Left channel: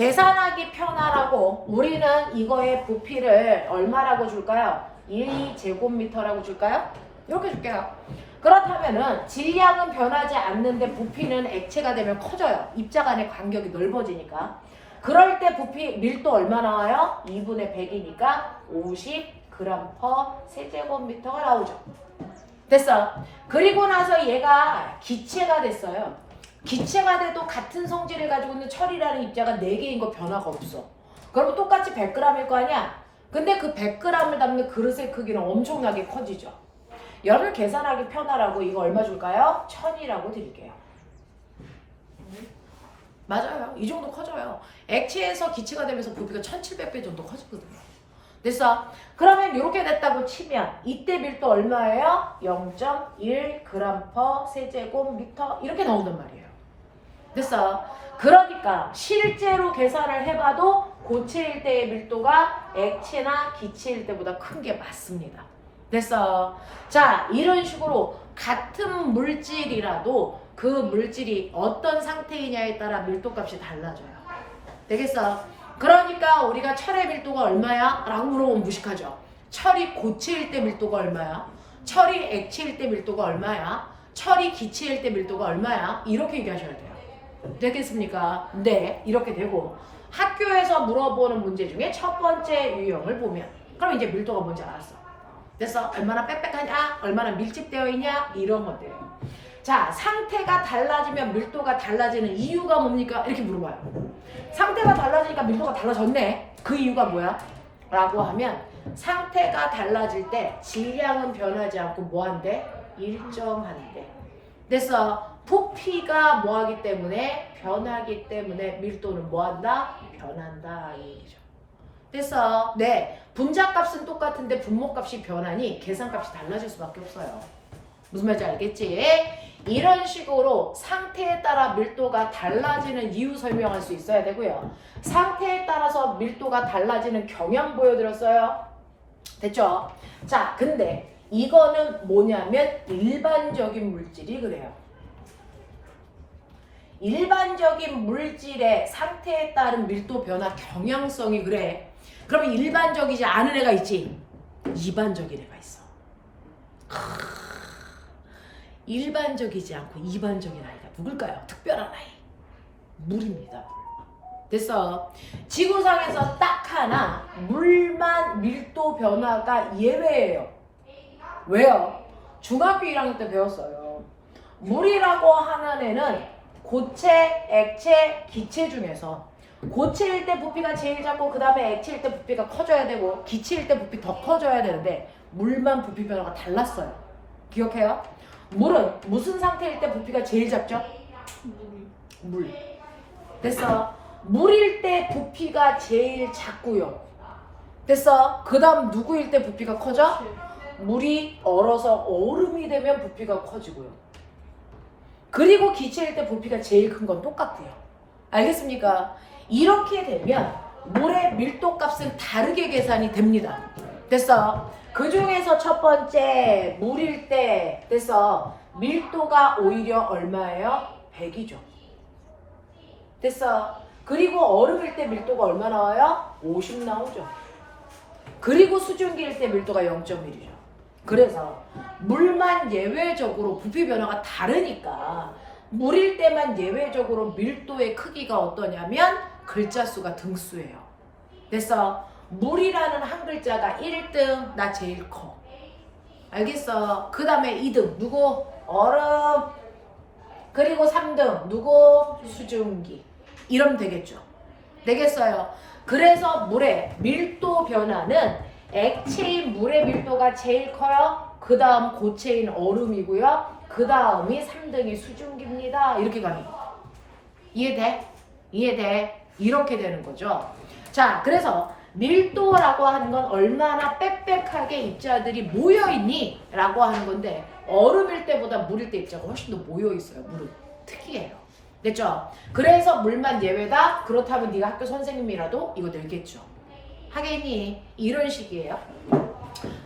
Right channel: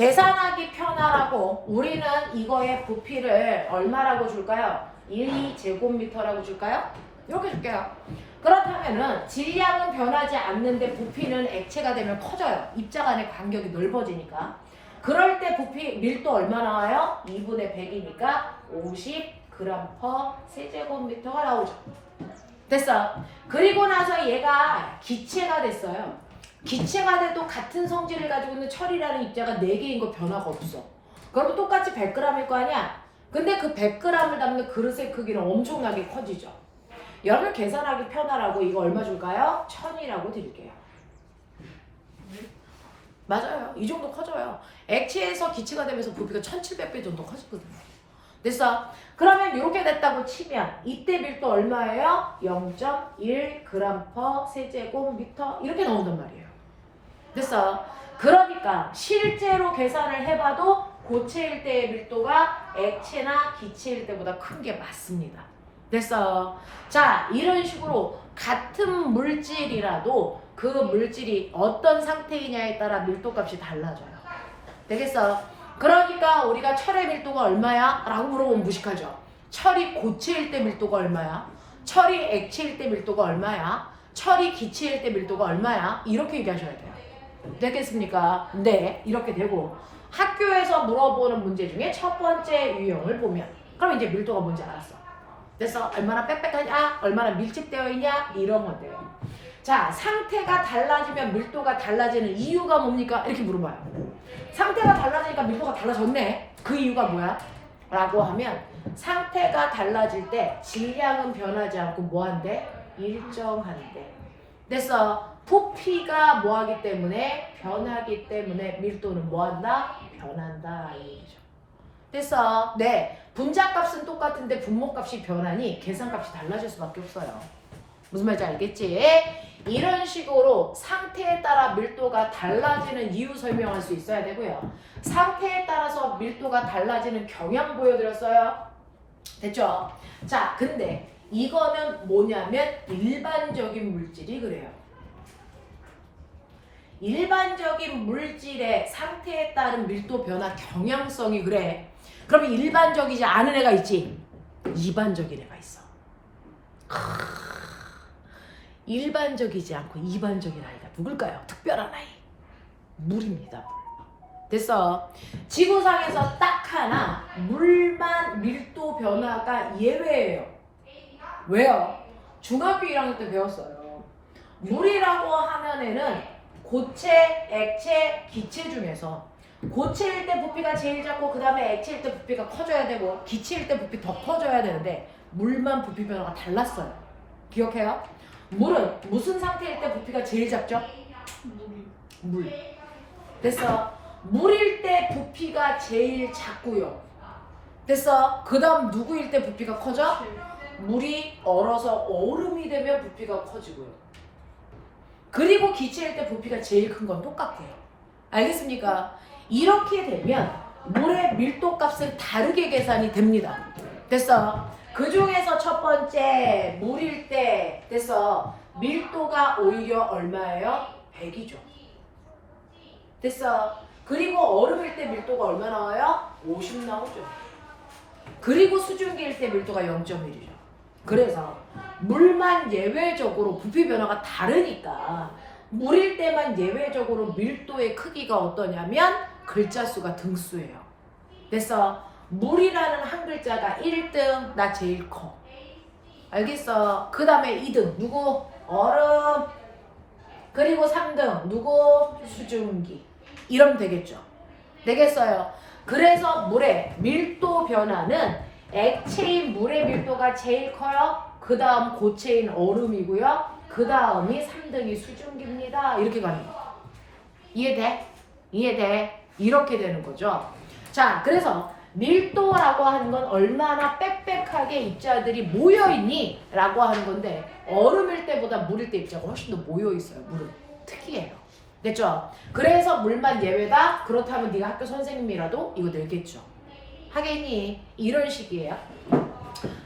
계산하기 편하라고 우리는 이거의 부피를 얼마라고 줄까요? 1제곱미터라고 줄까요? 이렇게 줄게요. 그렇다면은 질량은 변하지 않는데 부피는 액체가 되면 커져요. 입자 간의 간격이 넓어지니까. 그럴 때 부피 밀도 얼마 나와요? 2분의 100이니까 50g/cm가 나오죠. 됐어. 그리고 나서 얘가 기체가 됐어요. 기체가 돼도 같은 성질을 가지고 있는 철이라는 입자가 4개인 거 변화가 없어. 그러면 똑같이 100g일 거 아니야? 근데 그 100g을 담는 그릇의 크기는 엄청나게 커지죠. 여러분 계산하기 편하라고 이거 얼마 줄까요? 1000이라고 드릴게요. 맞아요. 이 정도 커져요. 액체에서 기체가 되면서 부피가 1700배 정도 커지거든요. 됐어? 그러면 이렇게 됐다고 치면 이때 밀도 얼마예요? 0.1g/cm 이렇게 나온단 말이에요. 됐어? 그러니까 실제로 계산을 해봐도 고체일 때의 밀도가 액체나 기체일 때보다 큰 게 맞습니다. 됐어? 자, 이런 식으로 같은 물질이라도 그 물질이 어떤 상태이냐에 따라 밀도값이 달라져요. 되겠어? 그러니까 우리가 철의 밀도가 얼마야? 라고 물어보면 무식하죠. 철이 고체일 때 밀도가 얼마야? 철이 액체일 때 밀도가 얼마야? 철이 기체일 때 밀도가 얼마야? 이렇게 얘기하셔야 돼요. 되겠습니까? 네, 이렇게 되고 학교에서 물어보는 문제 중에 첫 번째 유형을 보면 그럼 이제 밀도가 뭔지 알았어. 됐어? 얼마나 빽빽하냐? 얼마나 밀집되어 있냐? 이런 건데요. 자, 상태가 달라지면 밀도가 달라지는 이유가 뭡니까? 이렇게 물어봐요. 상태가 달라지니까 밀도가 달라졌네. 그 이유가 뭐야? 라고 하면 상태가 달라질 때 질량은 변하지 않고 뭐한대? 일정한데. 됐어? 부피가 뭐하기 때문에? 변하기 때문에 밀도는 뭐한다? 변한다. 이 얘기죠. 됐어? 네. 분자값은 똑같은데 분모값이 변하니 계산값이 달라질 수밖에 없어요. 무슨 말인지 알겠지? 이런 식으로 상태에 따라 밀도가 달라지는 이유 설명할 수 있어야 되고요. 상태에 따라서 밀도가 달라지는 경향 보여드렸어요. 됐죠? 자, 근데 이거는 뭐냐면 일반적인 물질이 그래요. 일반적인 물질의 상태에 따른 밀도 변화 경향성이 그래. 그러면 일반적이지 않은 애가 있지? 이반적인 애가 있어. 일반적이지 않고 이반적인 아이가 누굴까요? 특별한 아이. 물입니다. 됐어. 지구상에서 딱 하나 물만 밀도 변화가 예외예요. 왜요? 중학교 1학년 때 배웠어요. 물이라고 하는 애는 고체, 액체, 기체 중에서 고체일 때 부피가 제일 작고 그 다음에 액체일 때 부피가 커져야 되고 기체일 때 부피 더 커져야 되는데 물만 부피 변화가 달랐어요. 기억해요? 물은 무슨 상태일 때 부피가 제일 작죠? 물. 됐어? 물일 때 부피가 제일 작고요. 됐어? 그 다음 누구일 때 부피가 커져? 물이 얼어서 얼음이 되면 부피가 커지고요. 그리고 기체일 때 부피가 제일 큰 건 똑같고요. 알겠습니까? 이렇게 되면 물의 밀도 값은 다르게 계산이 됩니다. 됐어? 그 중에서 첫 번째 물일 때 됐어? 밀도가 오히려 얼마예요? 100이죠. 됐어? 그리고 얼음일 때 밀도가 얼마 나와요? 50 나오죠. 그리고 수증기일 때 밀도가 0.1이죠. 그래서 물만 예외적으로 부피 변화가 다르니까 물일 때만 예외적으로 밀도의 크기가 어떠냐면 글자 수가 등수예요. 됐어? 물이라는 한 글자가 1등 나 제일 커. 알겠어? 그 다음에 2등 누구? 얼음. 그리고 3등 누구? 수증기. 이러면 되겠죠. 되겠어요? 그래서 물의 밀도 변화는 액체인 물의 밀도가 제일 커요. 그 다음 고체인 얼음이고요. 그 다음이 3등이 수증기입니다. 이렇게 가는 거. 이해돼? 이해돼? 이렇게 되는 거죠. 자, 그래서 밀도라고 하는 건 얼마나 빽빽하게 입자들이 모여있니? 라고 하는 건데 얼음일 때보다 물일 때 입자가 훨씬 더 모여있어요. 물은 특이해요. 됐죠? 그래서 물만 예외다? 그렇다면 네가 학교 선생님이라도 이거 낼겠죠. 하겠니? 이런 식이에요.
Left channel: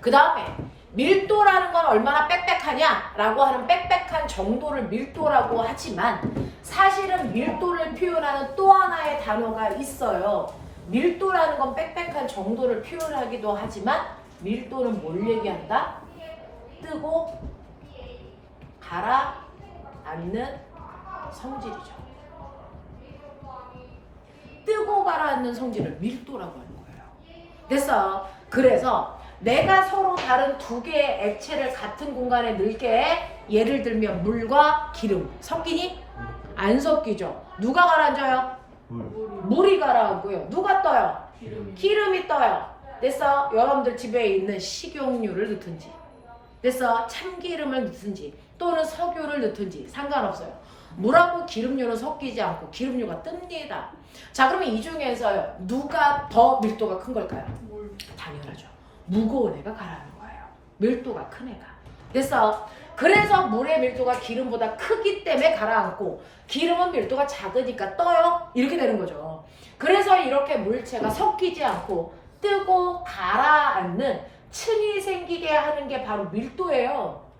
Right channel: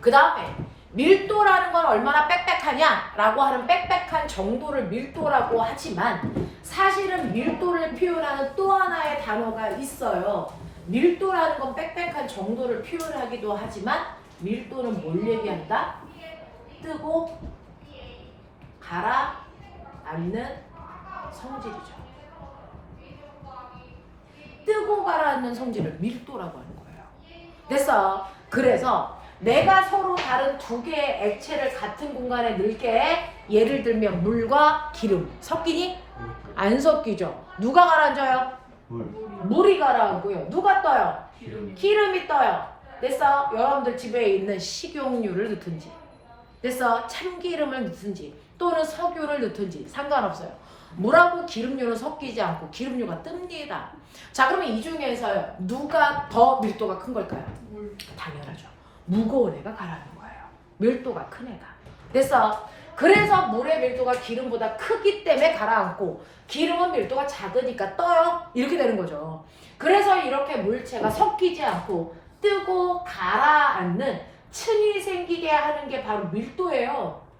그 다음에 밀도라는 건 얼마나 빽빽하냐라고 하는 빽빽한 정도를 밀도라고 하지만 사실은 밀도를 표현하는 또 하나의 단어가 있어요. 밀도라는 건 빽빽한 정도를 표현하기도 하지만 밀도는 뭘 얘기한다? 뜨고 가라앉는 성질이죠. 뜨고 가라앉는 성질을 밀도라고 하는 거예요. 됐어. 그래서 내가 서로 다른 두 개의 액체를 같은 공간에 넣을게. 예를 들면 물과 기름 섞이니? 안 섞이죠. 누가 가라앉아요? 물이 가라앉고요. 누가 떠요? 기름이 떠요. 됐어? 여러분들 집에 있는 식용유를 넣든지 됐어? 참기름을 넣든지 또는 석유를 넣든지 상관없어요. 물하고 기름류는 섞이지 않고 기름류가 뜹니다. 자, 그러면 이 중에서요 누가 더 밀도가 큰 걸까요? 물. 당연하죠. 무거운 애가 가라앉는 거예요. 밀도가 큰 애가. 됐어? 그래서 물의 밀도가 기름보다 크기 때문에 가라앉고 기름은 밀도가 작으니까 떠요. 이렇게 되는 거죠. 그래서 이렇게 물체가 섞이지 않고 뜨고 가라앉는 층이 생기게 하는 게 바로 밀도예요.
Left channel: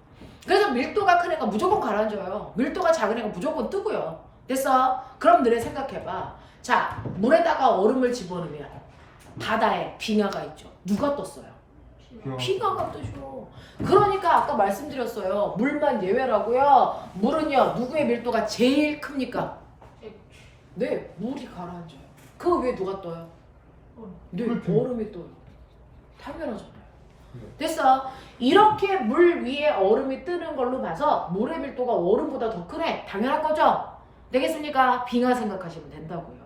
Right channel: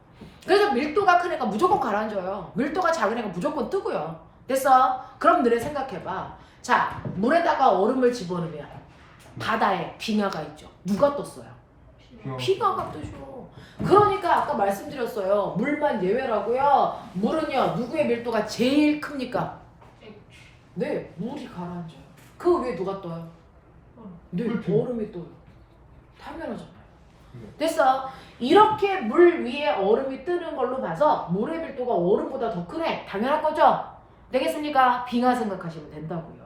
그래서 밀도가 큰 애가 무조건 가라앉아요. 밀도가 작은 애가 무조건 뜨고요. 됐어? 그럼 너네 생각해봐. 자, 물에다가 얼음을 집어넣으면 바다에 빙하가 있죠. 누가 떴어요? 빙하가 뜨죠. 그러니까 아까 말씀드렸어요. 물만 예외라고요. 물은요 누구의 밀도가 제일 큽니까? 네, 물이 가라앉아요. 그 위에 누가 떠요? 네, 얼음이 떠요. 당연하잖아요. 됐어? 이렇게 물 위에 얼음이 뜨는 걸로 봐서 물의 밀도가 얼음보다 더 크네. 당연한 거죠? 되겠습니까? 빙하 생각하시면 된다고요.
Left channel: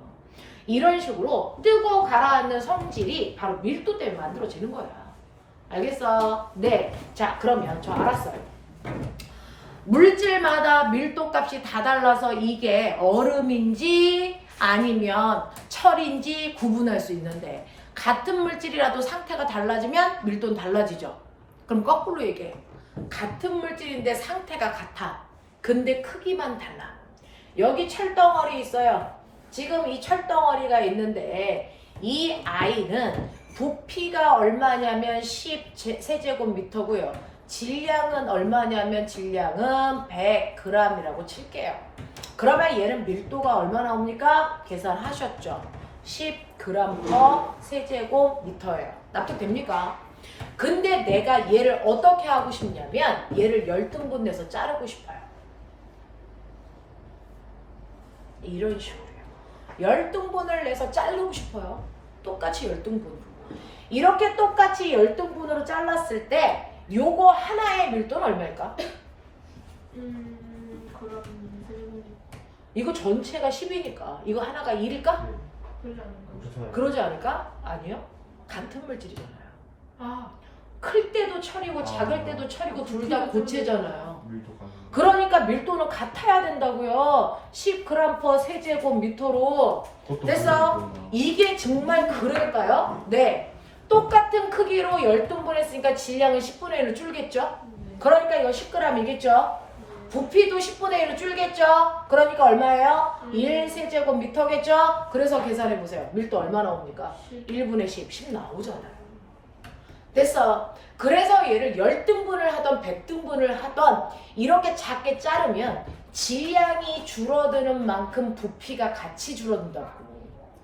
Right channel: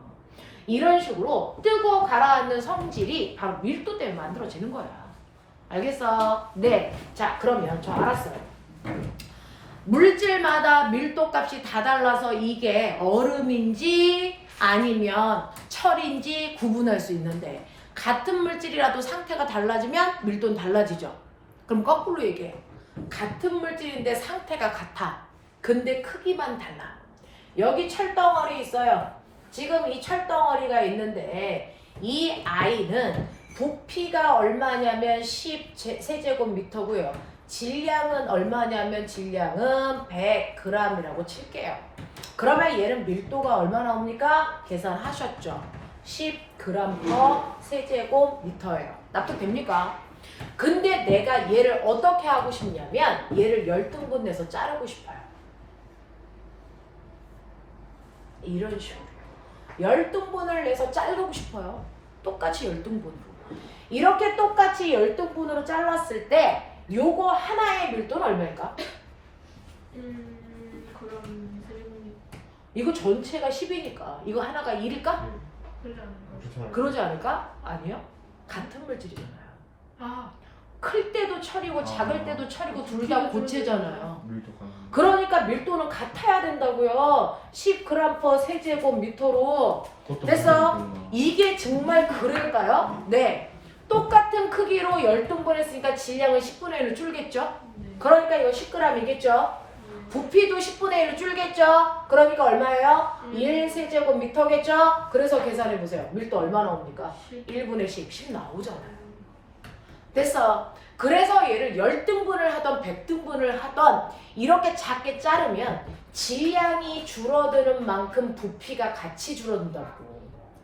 이런 식으로 뜨고 가라앉는 성질이 바로 밀도 때문에 만들어지는 거야. 알겠어? 네. 자, 그러면 저 알았어요. 물질마다 밀도 값이 다 달라서 이게 얼음인지 아니면 철인지 구분할 수 있는데 같은 물질이라도 상태가 달라지면 밀도는 달라지죠. 그럼 거꾸로 얘기해요. 같은 물질인데 상태가 같아. 근데 크기만 달라. 여기 철덩어리 있어요. 지금 이 철덩어리가 있는데 이 아이는 부피가 얼마냐면 10세제곱미터고요. 질량은 얼마냐면 질량은 100g이라고 칠게요. 그러면 얘는 밀도가 얼마 나옵니까? 계산하셨죠? 10g/세제곱미터예요. 납득됩니까? 근데 내가 얘를 어떻게 하고 싶냐면 얘를 10등분 내서 자르고 싶어요. 이런 식으로요. 10등분을 내서 자르고 싶어요. 똑같이 10등분으로. 이렇게 똑같이 10등분으로 잘랐을 때 요거 하나의 밀도는 얼마일까? 그럼 이거 전체가 10이니까 이거 하나가 1일까? 그러지 않을까? 아니요. 같은 물질이잖아요. 아, 클 때도 철이고 작을 때도 철이고 둘 다 고체잖아요. 밀도가. 그러니까 밀도는 같아야 된다고요. 10g/세제곱미터로. 됐어? 이게 정말 그럴까요? 네. 똑같은 크기로 10등분 했으니까 질량은 10분의 1로 줄겠죠? 그러니까 이거 10g이겠죠? 부피도 10분의 1로 줄겠죠? 그러니까 얼마예요? 1세제곱미터겠죠? 그래서 계산해보세요. 밀도 얼마 나옵니까? 1분의 10, 10 나오잖아요. 됐어. 그래서 얘를 10등분을 하던 100등분을 하던 이렇게 작게 자르면 질량이 줄어드는 만큼 부피가 같이 줄어든다고.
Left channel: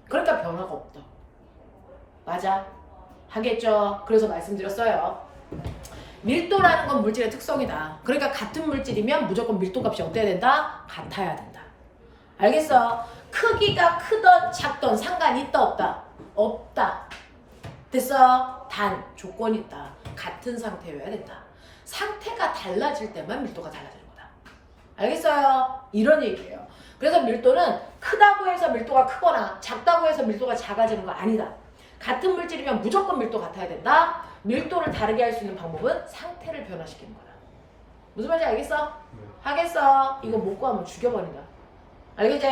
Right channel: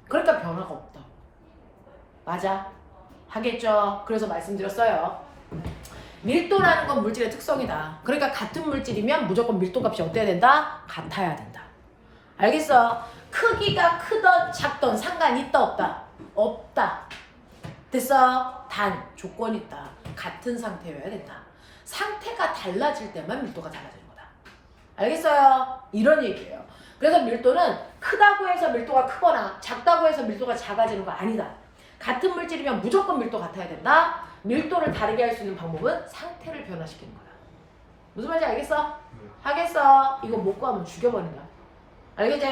그러니까 변화가 없다. 맞아? 하겠죠? 그래서 말씀드렸어요. 밀도라는 건 물질의 특성이다. 그러니까 같은 물질이면 무조건 밀도 값이 어때야 된다? 같아야 된다. 알겠어? 크기가 크던 작던 상관이 있다 없다? 없다. 됐어? 단 조건이 있다. 같은 상태여야 된다. 상태가 달라질 때만 밀도가 달라지는 거다. 알겠어요? 이런 얘기예요. 그래서 밀도는 크다고 해서 밀도가 크거나 작다고 해서 밀도가 작아지는 거 아니다. 같은 물질이면 무조건 밀도 같아야 된다. 밀도를 다르게 할 수 있는 방법은 상태를 변화시키는 거다. 무슨 말인지 알겠어? 하겠어? 이거 못 구하면 죽여버린다. 알겠지?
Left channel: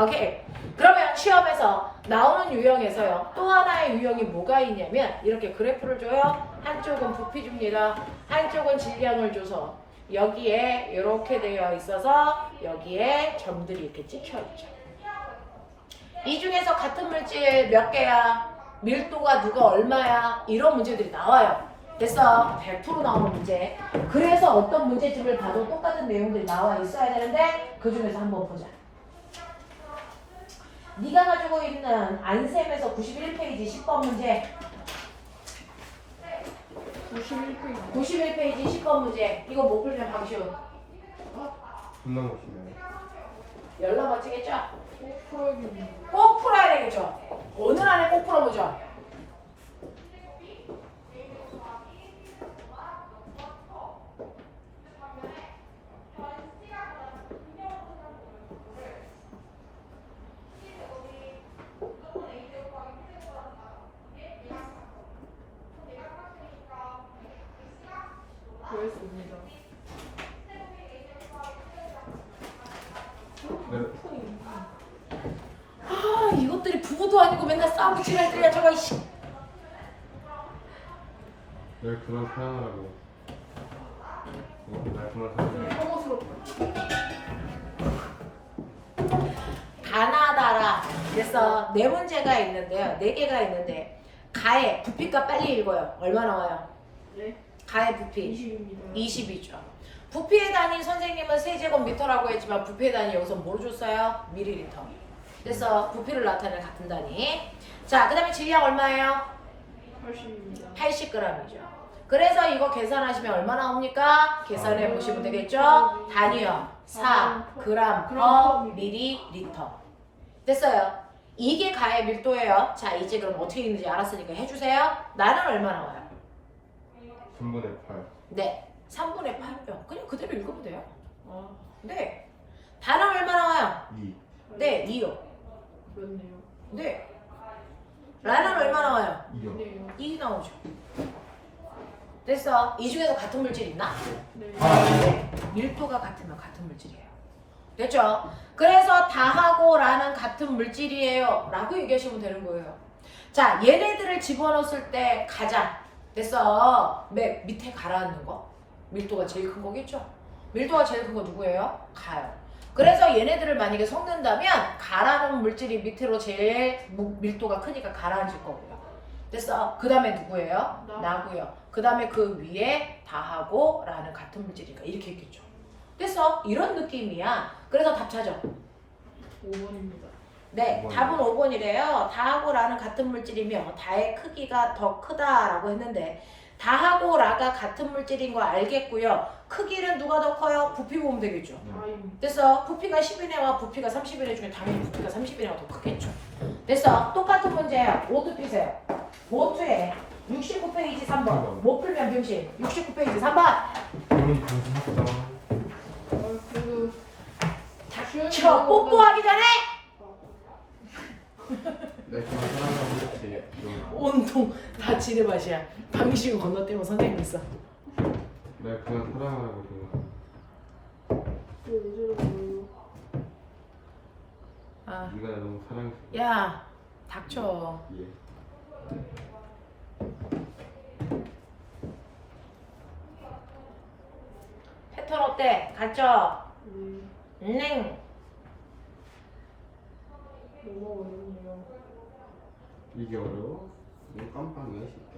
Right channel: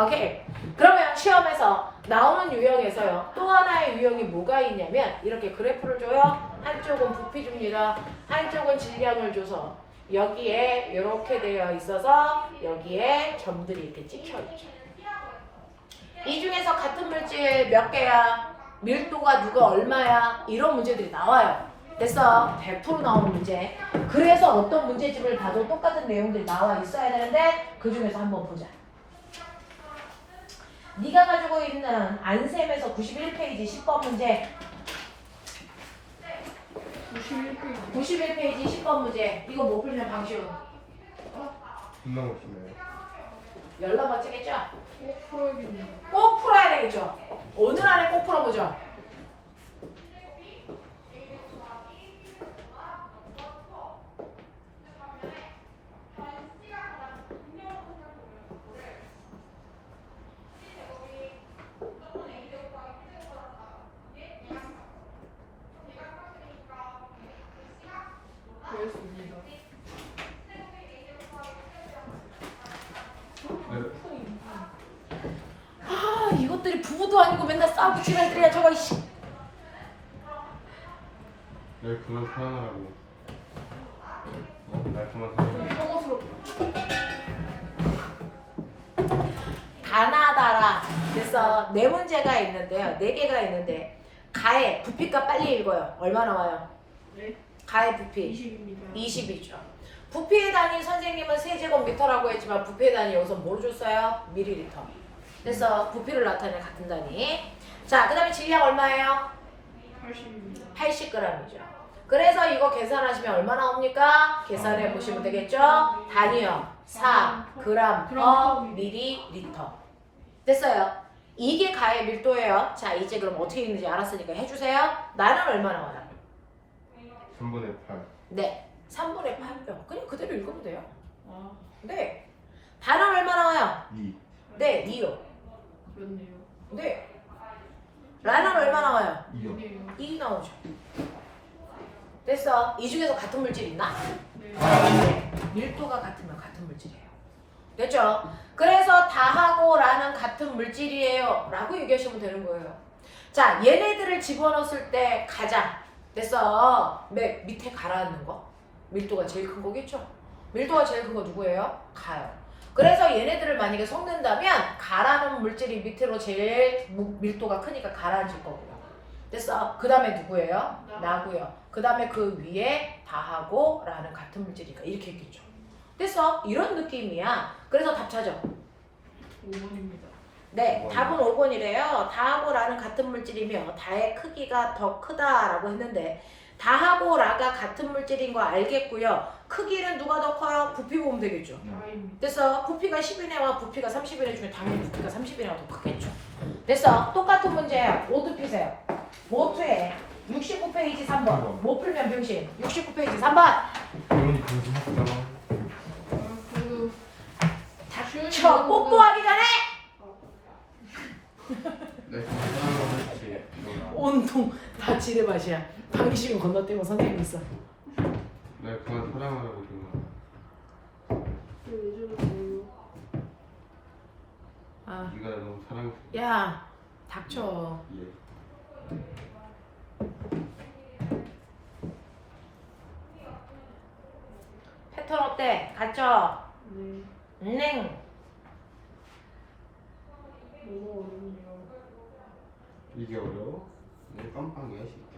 오케이. 그러면 시험에서 나오는 유형에서요. 또 하나의 유형이 뭐가 있냐면 이렇게 그래프를 줘요. 한쪽은 부피 줍니다. 한쪽은 질량을 줘서 여기에 이렇게 되어 있어서 여기에 점들이 이렇게 찍혀 있죠. 이 중에서 같은 물질 몇 개야? 밀도가 누가 얼마야? 이런 문제들이 나와요. 됐어. 100% 나오는 문제. 그래서 어떤 문제집을 봐도 똑같은 내용들이 나와 있어야 되는데 그 중에서 한번 보자. 네가 가지고 있는 안셈에서 91페이지 10번 문제. 91페이지 10번 문제. 이거 못 풀면 방시훈. 겁나 멋있네요. 열나 멋지겠죠? 꼭 풀어야 되겠죠? 오늘 안에 꼭 풀어보죠. 그렇습니다. 아, 이것들이 부부도 아니고 맨날 싸우고 지랄들이야 저거 이씨. 왜 그만 사랑하라고? 날 그만 사랑해. 다나다라. 그래서 네 문제가 있는데요. 네 개가 있는데 가의 부피가 빨리 읽어요. 얼마 나와요? 네. 가의 부피 20입니다. 20이죠. 부피의 단위 선생님은 세제곱미터라고 했지만 부피의 단위 여기서 뭘 줬어요? 밀리리터. 그래서 부피를 나타내는 같은 단위. 자, 그 다음에 질량 얼마예요? 80입니다. 80g이죠. 그래서 이거 계산하시면 얼마 나옵니까? 계산해 보시면 되겠죠? 단위요. 4g 밀리리터. 됐어요. 이게 가의 밀도예요. 자, 이제 그럼 어떻게 있는지 알았으니까 해주세요. 나는 얼마 나와요? 3분의 8. 네. 3분의 8요. 그냥 그대로 읽으면 돼요. 아, 네. 반은 얼마 나와요? 2. 네, 2요. 그렇네요. 네. 라는 얼마 나와요? 2요. 네요. 2 나오죠. 됐어. 이 중에서 같은 물질 있나? 네. 네. 밀도가 같으면 같은 물질이에요. 됐죠? 그래서 다하고 라는 같은 물질이에요. 라고 얘기하시면 되는 거예요. 자, 얘네들을 집어넣었을 때 가장 됐어. 맨 밑에 가라앉는 거. 밀도가 제일 큰 거겠죠? 밀도가 제일 큰 거 누구예요? 가요. 그래서 얘네들을 만약에 섞는다면 가라는 물질이 밑으로 제일 밀도가 크니까 가라앉을 거고요. 됐어? 그 다음에 누구예요? 나고요. 그 다음에 그 위에 다하고 라는 같은 물질이니까 이렇게 있겠죠. 됐어? 이런 느낌이야. 그래서 답 찾아. 5번입니다. 네, 5번. 답은 5번이래요. 다하고 라는 같은 물질이며 다의 크기가 더 크다라고 했는데 다하고 라가 같은 물질인 거 알겠고요. 크기는 누가 더 커요? 부피 보면 되겠죠. I입니다. 됐어. 부피가 10이네와 부피가 30이네 중에 당연히 부피가 30이네가 더 크겠죠. 됐어. 똑같은 문제야. 모두 피세요. 모두에 69페이지 3번. 못 풀면 병신. 69페이지 3번. 이번이 방송했다. 닥쳐. 뽀뽀하기 전에 날 그만 사랑하라고 했지. 기억나. 온통 다 지뢰밭이야. 당신은 건너뛰고 선생님 있어. 날 그만 사랑하라고 기억나. 왜 저러세요? 아, 네가 날 너무 사랑했어. 야, 닥쳐. 예. 패턴 어때? 갇혀. 네. 넹. 너무 어렵네요. 이게 어려워? 이거 깜빡이야 진짜.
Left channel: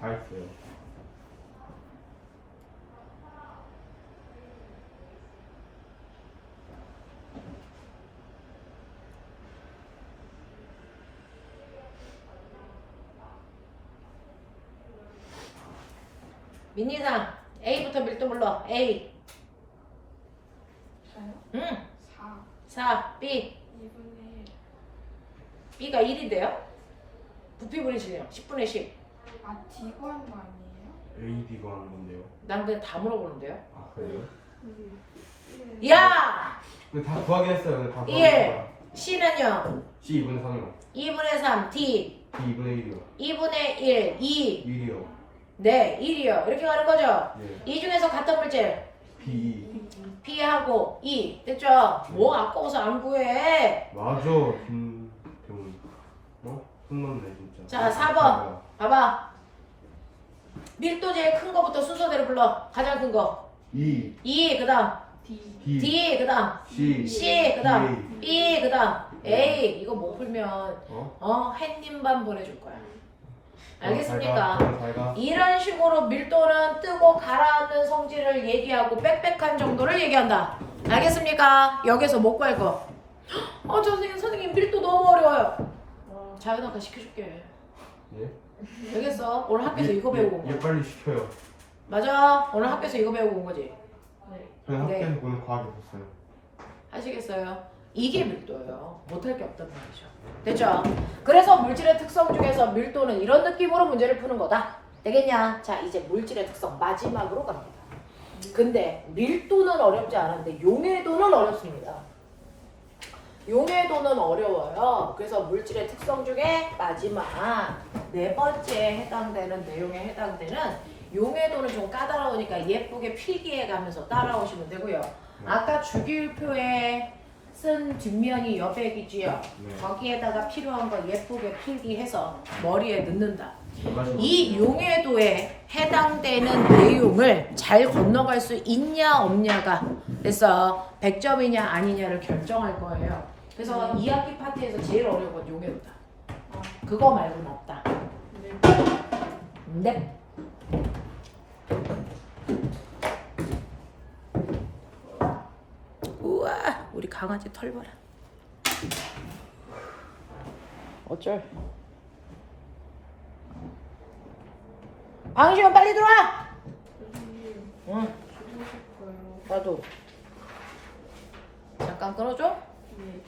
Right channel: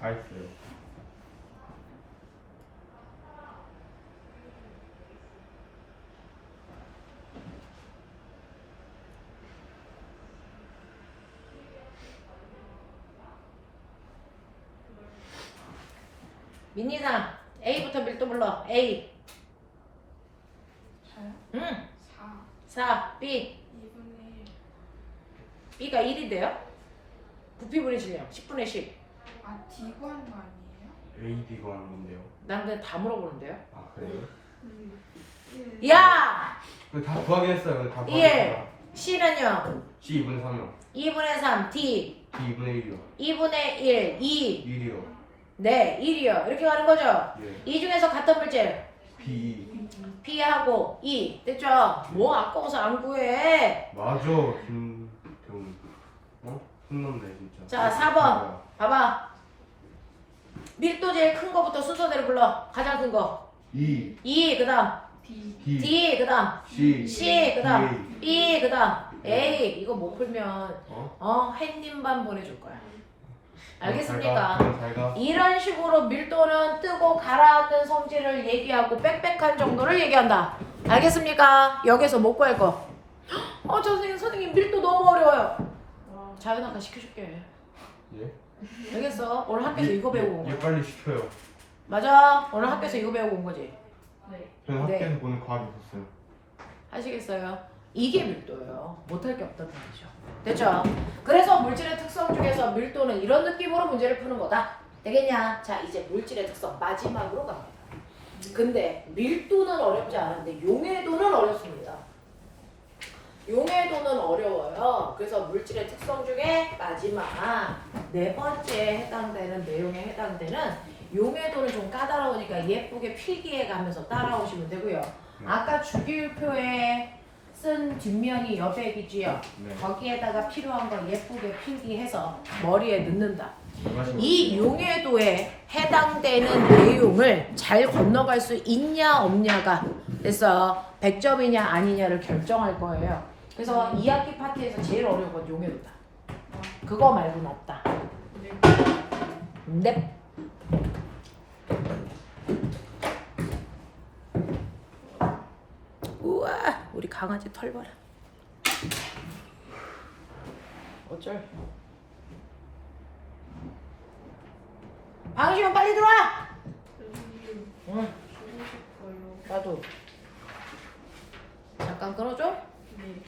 다 했어요. 민니상 A부터 밀도 불러. A. 저요? 응. 4. 4. B. 2분의 1. B가 1인데요? 부피분의 질량 10분의 10. 아, D 구한 거 아니에요? A, B가 하는 건데요. 난 그냥 다 물어보는데요. 아 그래요? 야! 근데 다 구하긴 했어요. 근데 다 1. 구하긴 C는요? C 2분의 3이요. 2분의 3. D. B 2분의 1이요. 2분의 1. 2. 1이요. 네, 1이요. 이렇게 가는 거죠? 예. 이 중에서 같은 물질. B B하고 E. 됐죠? 뭐 아까워서 안 구해. 맞아. 김 어? 혼났네 진짜. 자, 4번. 봐봐. 밀도 제일 큰 거부터 순서대로 불러. 가장 큰 거. 2 E, 그 다음. D. D D, 그 다음. C C, 그 다음. B, 그 다음. 예. A. 이거 못 풀면, 어? 햇님반 보내줄 거야. 알겠습니까? 잘 가. 이런 식으로 밀도는 뜨고 가라앉는 성질을 얘기하고 빽빽한 정도를 얘기한다. 알겠습니까? 여기서 못 구할 거. 선생님 밀도 너무 어려워요. 자연학과 시켜줄게. 예? 알겠어? 오늘 학교에서 이거 배우고 온 얘 거야. 빨리 시켜요. 맞아. 오늘 학교에서 이거 배우고 온 거지. 네. 저는 네. 학교에서 보는 과학이 없었어요. 아시겠어요? 이게 밀도예요. 못할 게 없단 말이죠. 됐죠? 그래서 물질의 특성 중에서 밀도는 이런 느낌으로 문제를 푸는 거다. 되겠냐? 자, 이제 물질의 특성 마지막으로 갑니다. 근데 밀도는 어렵지 않은데 용해도는 어렵습니다. 용해도는 어려워요. 그래서 물질의 특성 중에 마지막 네 번째에 해당되는 내용에 해당되는 용해도는 좀 까다로우니까 예쁘게 필기해 가면서 따라오시면 되고요. 아까 주기율표에 쓴 뒷면이 여백이지요. 네. 거기에다가 필요한 거 예쁘게 필기해서 머리에 넣는다. 마시고. 이 용해도에 해당되는 내용을 잘 건너갈 수 있냐 없냐가 그래서 100점이냐 아니냐를 결정할 거예요. 그래서 2학기 파트에서 제일 어려운 건 용해도다. 그거 말고는 없다. 네. 우와, 우리 강아지 털 봐라. 어쩔. 방시원 빨리 들어와. 선생님 응, 주무실 거예요. 나도. 잠깐 끊어줘. 네.